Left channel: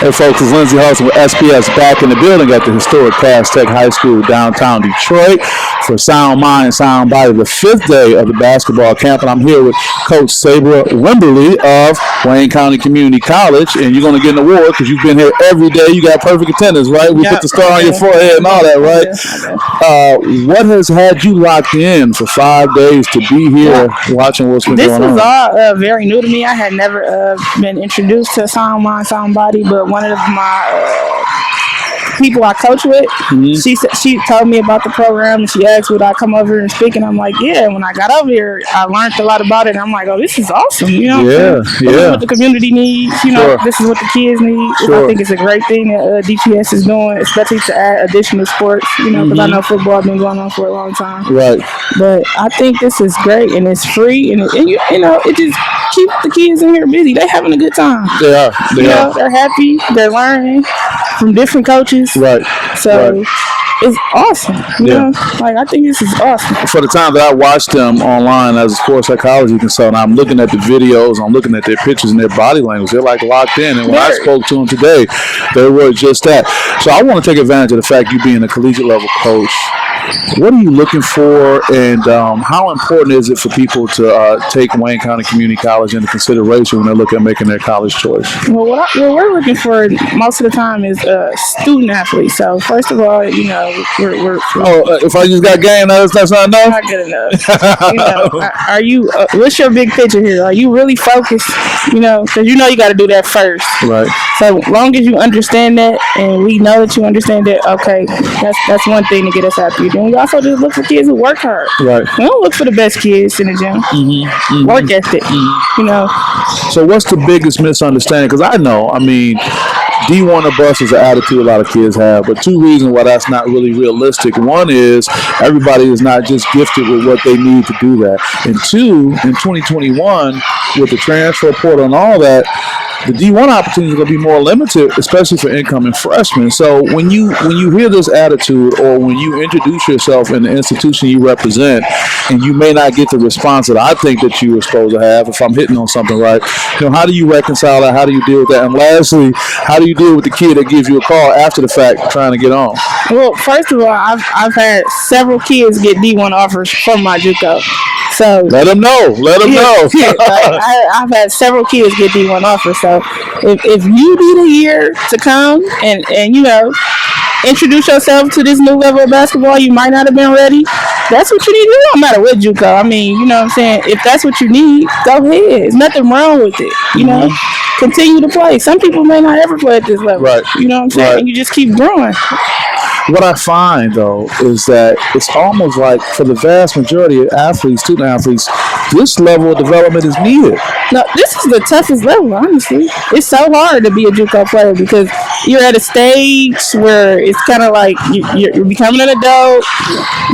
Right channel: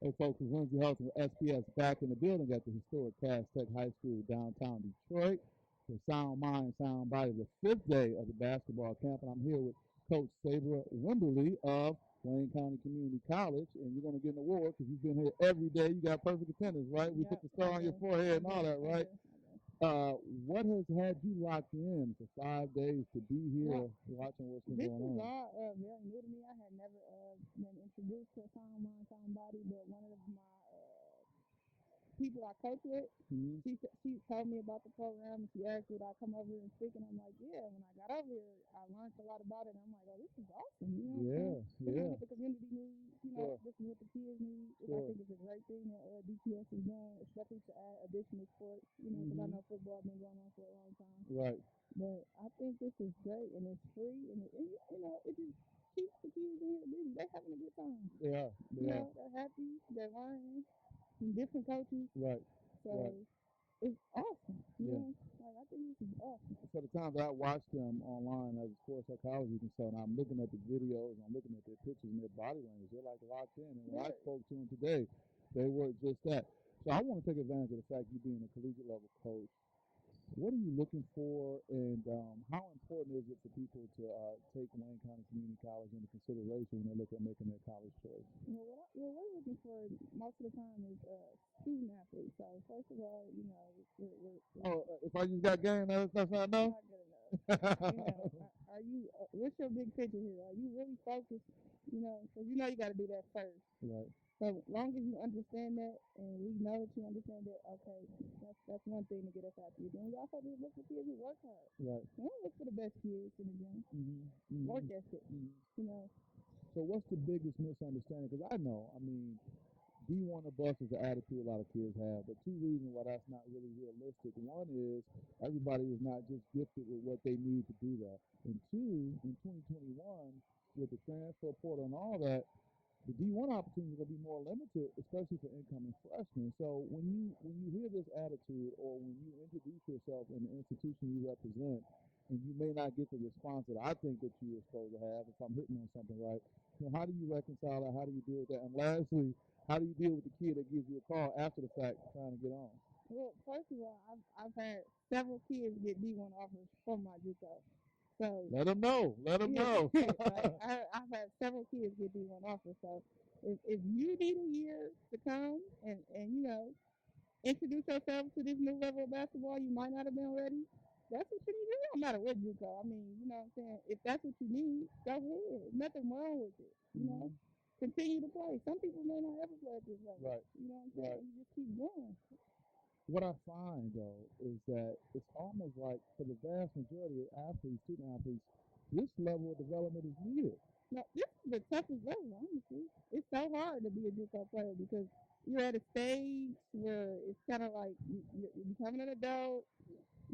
Hey folks, it's Lindsey Hudson with SPS back in the building at the historic Cass Tech High School downtown Detroit for Sound Mind, Sound Body, the 5th day of the basketball camp. And I'm here with Coach Sabra Wimberly of Wayne County Community College. And you're going to get an award because you've been here every day. You got perfect attendance, right? We put the star on your forehead and all that, right? What has had you locked in for 5 days to be here watching what's been going on? This was all very new to me. I had never been introduced to Sound Mind, Sound Body, but one of my people I coach with, she told me about the program, and she asked would I come over and speak, and I'm like, yeah. And when I got over here, I learned a lot about it, and I'm like, oh, this is awesome, you know? This is what the community needs, you know, this is what the kids need. I think it's a great thing that DPS is doing, especially to add additional sports, you know, because I know football has been going on for a long time. Right. But I think this is great, and it's free, and you know, it just keeps the kids in here busy. They're having a good time. They are. They're happy. They're learning from different coaches. Right. So it's awesome. You know, like I think this is awesome. For the time that I watched them online as a sports psychology consultant, I'm looking at the videos, I'm looking at their pictures and their body language. They're like locked in. And when I spoke to them today, they were just that. So I want to take advantage of the fact you being a collegiate level coach. What are you looking for, and how important is it for people to take Wayne County Community College into consideration when they're looking at making their college choice? Well, what we're looking for most of the time is student athletes. So first of all, you know, we're if I just got game, that's not enough? Not good enough. You know, are you, what's your big picture here? Are you really focused? You know, because you know you got to do that first. Right. So long as you understand that, and we know that you understand that, okay, that's one thing to get us happy. Then we also just look for kids who work hard. Right. We don't look for the best kids in the gym. Work ethic. You know. So what's the biggest misunderstanding? Because I know, I mean, D1 or bust is an attitude a lot of kids have, but two reasons why that's not really realistic. One is everybody is not just gifted with what they need to do that. And two, in 2021, with the transfer portal and all that, the D1 opportunities are going to be more limited, especially for incoming freshmen. So when you hear this attitude, or when you introduce yourself in the institution you represent, and you may not get the response that I think that you were supposed to have, if I'm hitting on something right, you know, how do you reconcile that? How do you deal with that? And lastly, how do you deal with the kid that gives you a call after the fact trying to get on? Well, first of all, I've had several kids get D1 offers from my JUCO. So let them know. Let them know. I've had several kids get D1 offers. So if you need a year to come and you know, introduce yourself to this new level of basketball, you might not have been ready. That's what you need to do, no matter what JUCO. I mean, you know what I'm saying? If that's what you need, go ahead. There's nothing wrong with it. You know, continue to play. Some people may not ever play at this level. Right. You know what I'm saying? And you just keep growing. What I find, though, is that it's almost like for the vast majority of athletes, student athletes, this level of development is needed. No, this is the toughest level, honestly. It's so hard to be a JUCO player because you're at a stage where it's kind of like you're becoming an adult.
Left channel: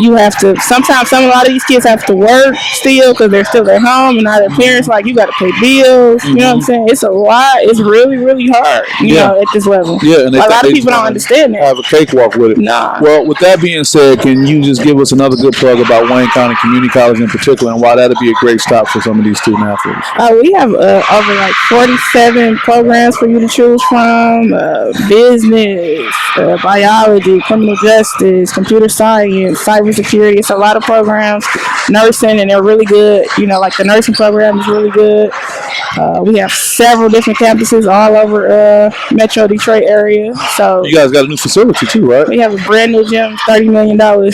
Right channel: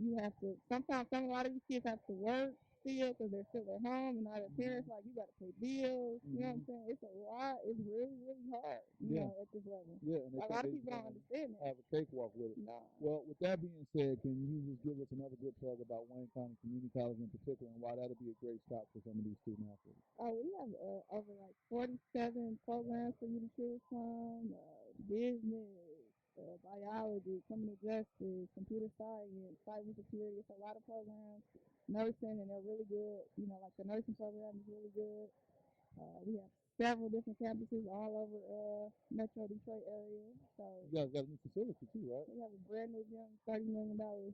You have to, sometimes a lot of these kids have to work still because they're still at home and not their parents. Like, you got to pay bills. You know what I'm saying? It's a lot. It's really, really hard, you know, at this level. Yeah, and a lot of people don't understand that. Have a cakewalk with it. Nah. Well, with that being said, can you just give us another good plug about Wayne County Community College in particular, and why that'd be a great stop for some of these student athletes? We have over like 47 programs for you to choose from: business, biology, criminal justice, computer science, cybersecurity. It's a lot of programs. Nursing, and they're really good. You know, like the nursing program is really good. We have several different campuses all over Metro Detroit area. So you guys got a new facility too, right? We have a brand new gym, $30 million.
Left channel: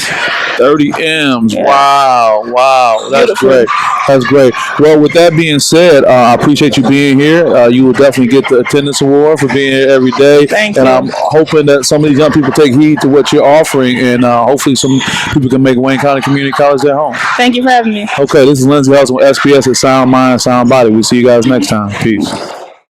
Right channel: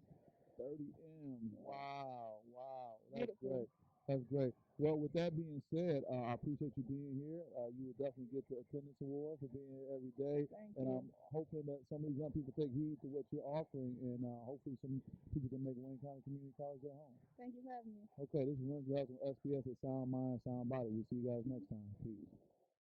30 M's. Yeah. Wow. That's beautiful. Great. That's great. Well, with that being said, I appreciate you being here. You will definitely get the attendance award for being here every day. Thank you. And I'm hoping that some of these young people take heed to what you're offering, and hopefully some people can make Wayne County Community College their home. Thank you for having me. Okay, this is Lindsey Hudson with SPS at Sound Mind, Sound Body. We'll see you guys next time. Peace.